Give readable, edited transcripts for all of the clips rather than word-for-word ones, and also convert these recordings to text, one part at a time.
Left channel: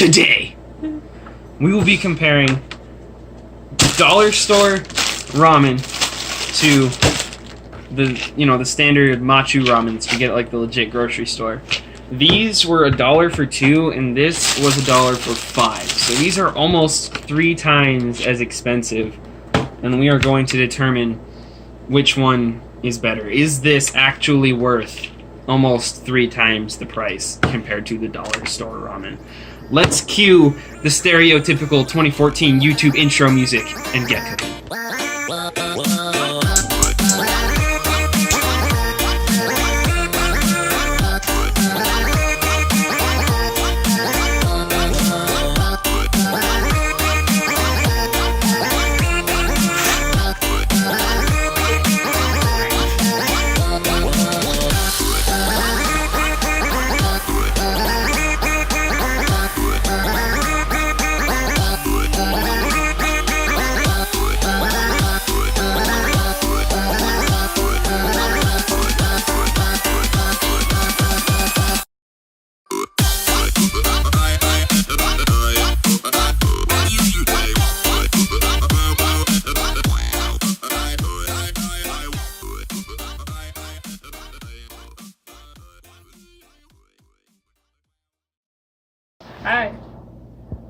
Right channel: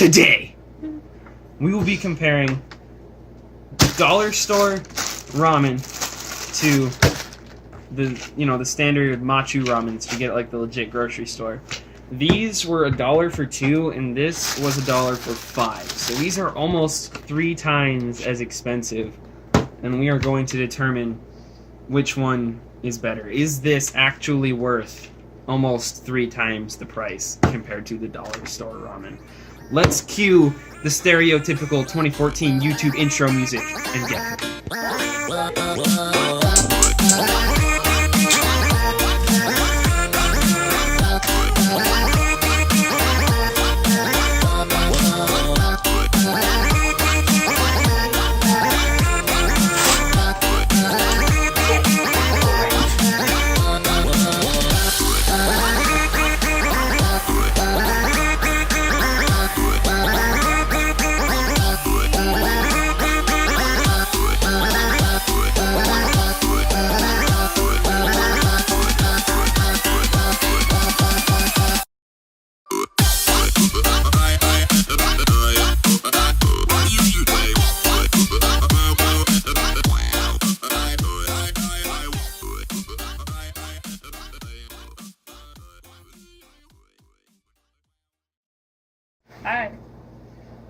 Today, we will be comparing dollar store ramen to the standard machu ramens you get at like the legit grocery store. These were $1 for 2, and this was $1 for 5. So these are almost 3 times as expensive, and we are going to determine which one is better. Is this actually worth almost 3 times the price compared to the dollar store ramen? Let's cue the stereotypical 2014 YouTube intro music and get cooking.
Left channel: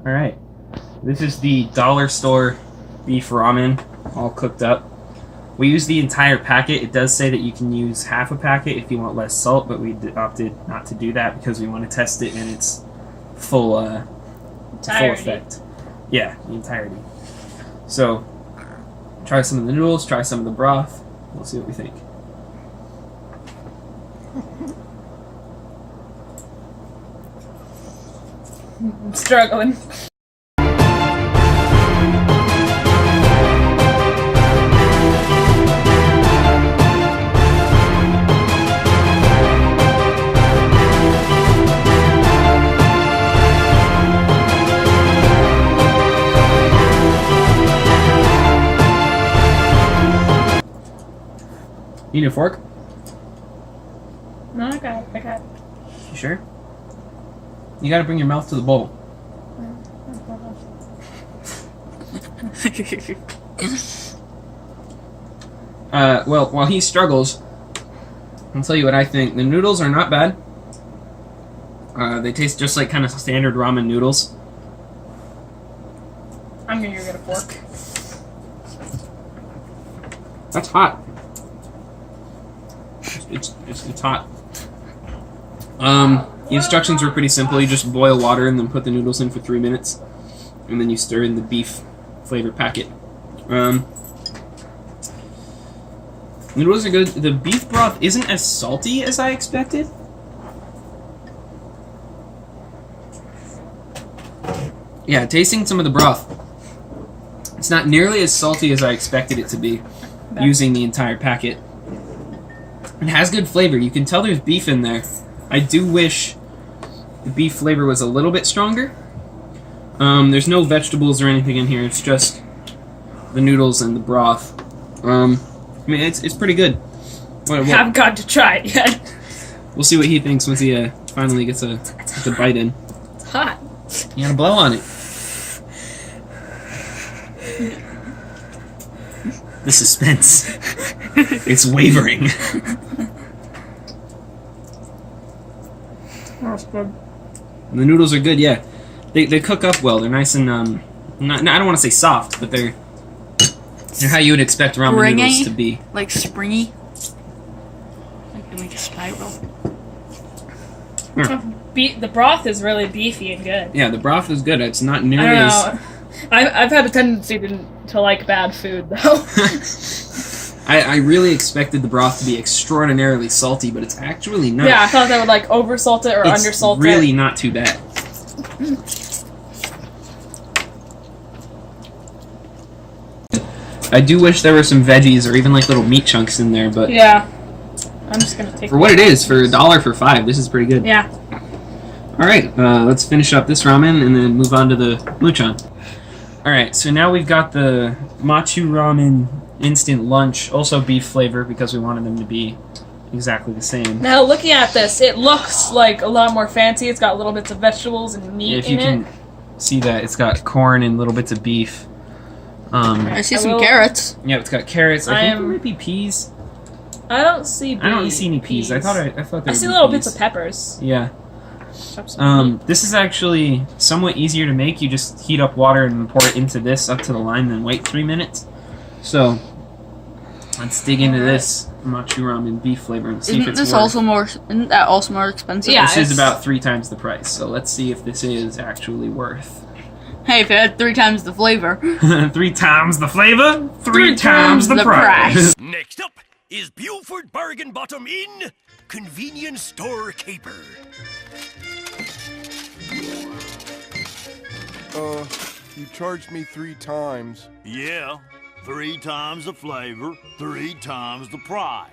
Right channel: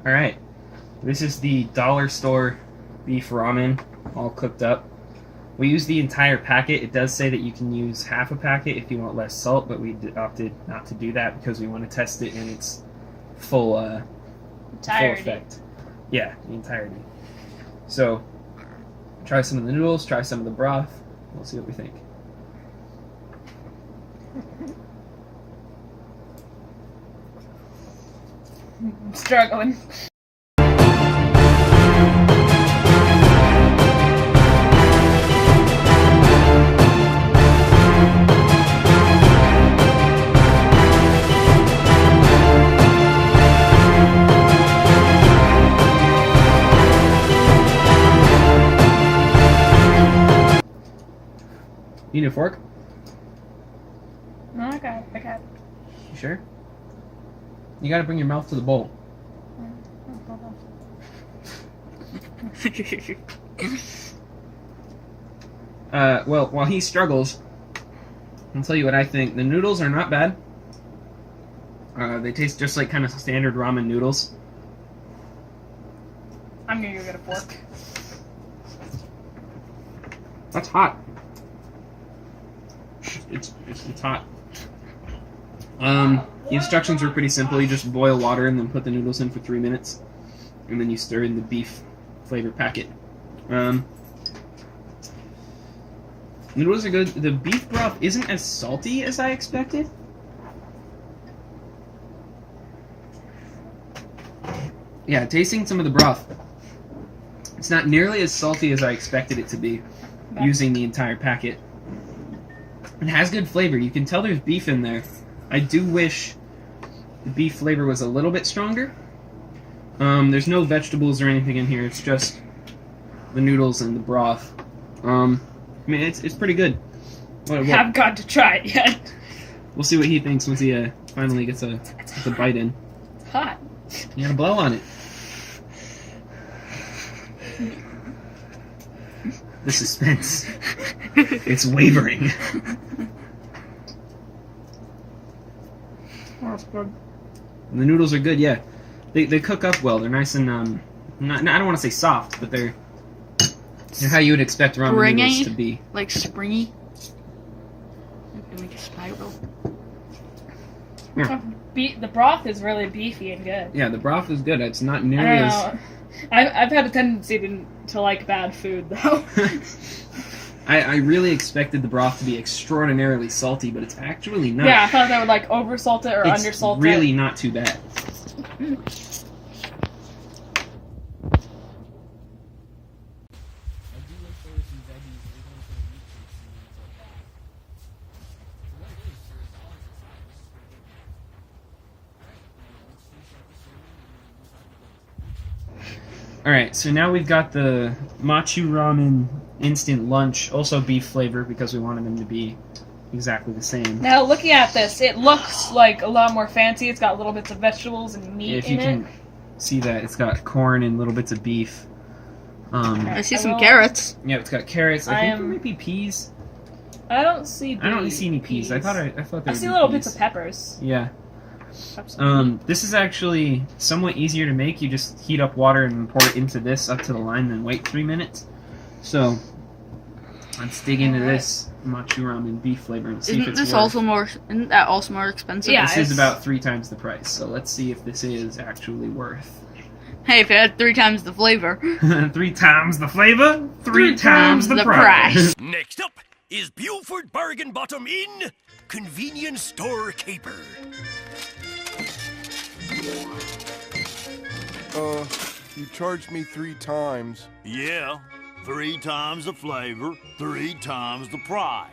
Alright, this is the dollar store beef ramen, all cooked up. We use the entire packet. It does say that you can use half a packet if you want less salt, but we opted not to do that because we want to test it in its full effect. Yeah, the entirety. So, try some of the noodles, try some of the broth. We'll see what we think. I'm struggling. You need a fork? No, I got it. You sure? You gotta bring your mouth to the bowl. Well, while he struggles, I'll tell you what I think. The noodles are not bad. They taste just like kind of standard ramen noodles. I'm gonna go get a fork. That's hot. It's hot. The instructions were pretty simple. You just boil water and then put the noodles in for 3 minutes, and then you stir in the beef flavor packet. The noodles are good. The beef broth isn't as salty as I expected. Yeah, tasting some of the broth, it's not nearly as salty as I expected it to be using the entire packet. It has good flavor. You can tell there's beef in there. I do wish the beef flavor was a little bit stronger. There's no vegetables or anything in here. It's just the noodles and the broth. I mean, it's pretty good. Haven't got to try it yet. We'll see what he thinks once he finally gets a bite in. It's hot. You gotta blow on it. The suspense. It's wavering. That's good. The noodles are good, yeah. They cook up well. They're nice and I don't want to say soft, but they're how you would expect ramen noodles to be. Like springy. Like a spiral. The broth is really beefy and good. Yeah, the broth is good. It's not nearly as... I've had a tendency to like bad food, though. I really expected the broth to be extraordinarily salty, but it's actually not. Yeah, I thought they would like oversalt it or undersalt it. It's really not too bad. I do wish there were some veggies or even like little meat chunks in there, but yeah, I'm just gonna take for what it is, for $1 for 5, this is pretty good. Yeah. All right, let's finish up this ramen and then move on to the muchan. All right, so now we've got the machu ramen instant lunch, also beef flavor because we wanted them to be exactly the same. Now, looking at this, it looks like a lot more fancy. It's got little bits of vegetables and meat If you can see that, it's got corn and little bits of beef. I see some carrots. Yeah, it's got carrots. I think am- there might be peas. I don't see. I don't see any peas. I thought there I would see be little peas. bits of peppers. Yeah. Chop some meat. This is actually somewhat easier to make. You just heat up water and pour it into this up to the line, then wait 3 minutes. So let's dig into this machu ramen beef flavor and see if Isn't it's this worth. also more? Isn't that also more expensive? Yeah. This is it's- about 3 times the price. So let's see if this is actually worth. Hey, if it had 3 times the flavor. 3 times the flavor, 3 times times the the price. price. Next up is Buford Bargain Bottom Inn Convenience Store Caper. You charged me 3 times. Yeah, 3 times the flavor, 3 times the price.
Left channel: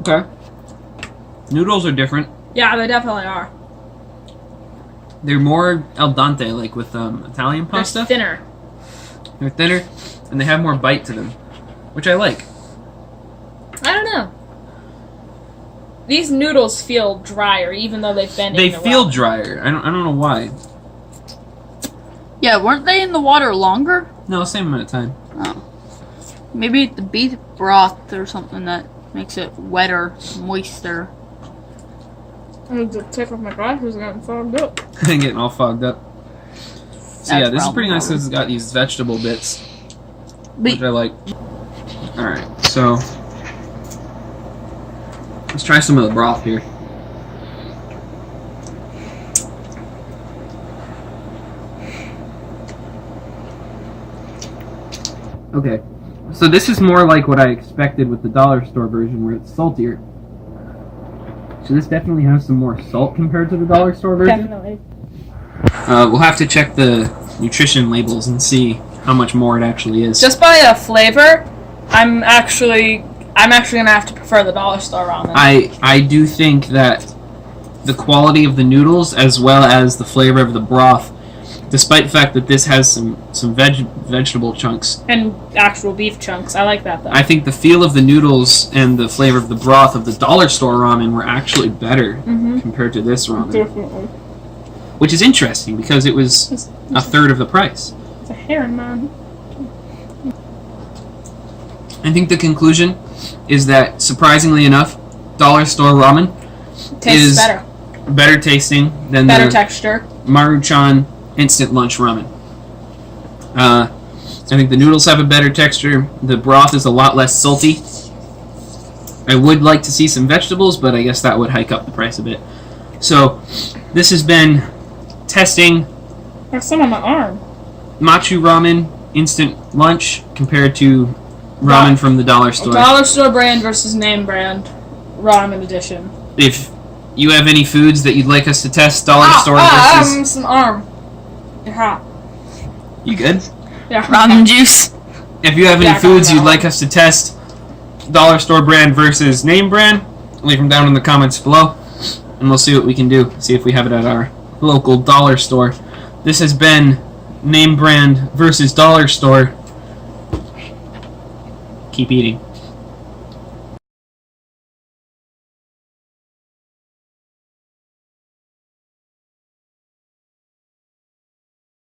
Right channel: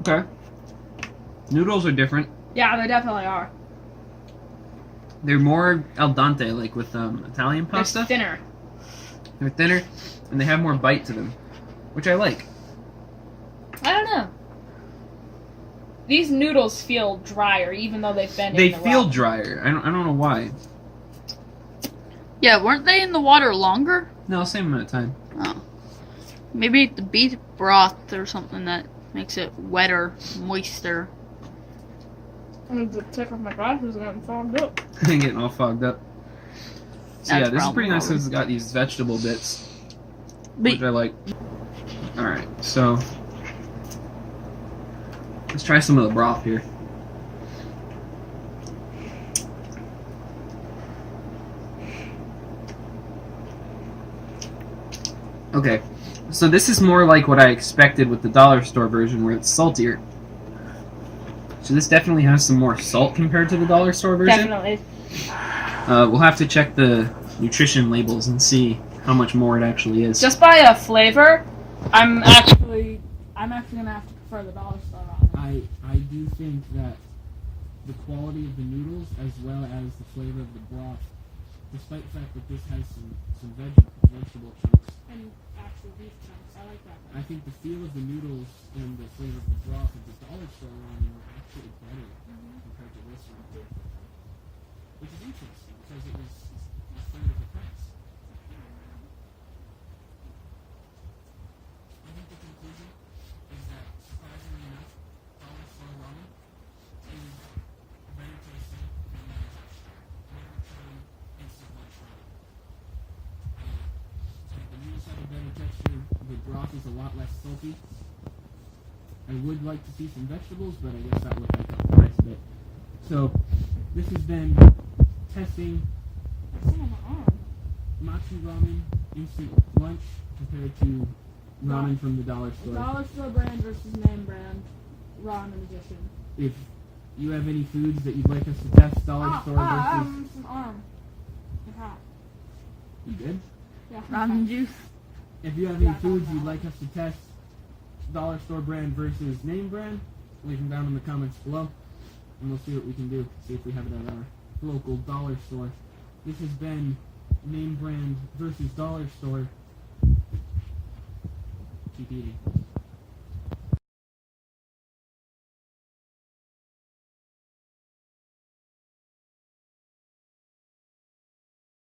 Okay. Noodles are different. Yeah, they definitely are. They're more al dente, like with Italian pasta. They're thinner. They're thinner, and they have more bite to them, which I like. I don't know. These noodles feel drier, even though they've been They in the feel ramen. drier. I don't know why. Yeah, weren't they in the water longer? No, same amount of time. Oh. Maybe the beef broth or something that makes it wetter, moister. The tip of my glasses is getting fogged up. Getting all fogged up. So yeah, That's this is pretty probably nice because it's got these vegetable bits, But which I like. Alright, so let's try some of the broth here. Okay, so this is more like what I expected with the dollar store version where it's saltier. So this definitely has some more salt compared to the dollar store version. Definitely. We'll have to check the nutrition labels and see how much more it actually is. Just by a flavor, I'm actually gonna have to prefer the dollar store ramen. I do think that the quality of the noodles as well as the flavor of the broth, despite the fact that this has some vegetable chunks, And actual beef chunks. I like that though. I think the feel of the noodles and the flavor of the broth of the dollar store ramen were actually better compared to this ramen. Definitely. Which is interesting because it was a third of the price. It's a heron, man. I think the conclusion is that, surprisingly enough, dollar store ramen Tastes is better. better tasting than Better the texture. Maruchan instant lunch ramen. I think the noodles have a better texture. The broth is a lot less salty. I would like to see some vegetables, but I guess that would hike up the price a bit. So, this has been testing There's some on my arm. machu ramen instant lunch compared to ramen from the dollar store. Dollar store brand versus name brand ramen edition. If you have any foods that you'd like us to test, dollar store versus... some arm. Yeah. You good? Yeah. ramen juice. If you have any Yeah, foods no. you'd like us to test, dollar store brand versus name brand, leave them down in the comments below, and we'll see what we can do. See if we have it at our local dollar store. This has been name brand versus dollar store. Keep eating.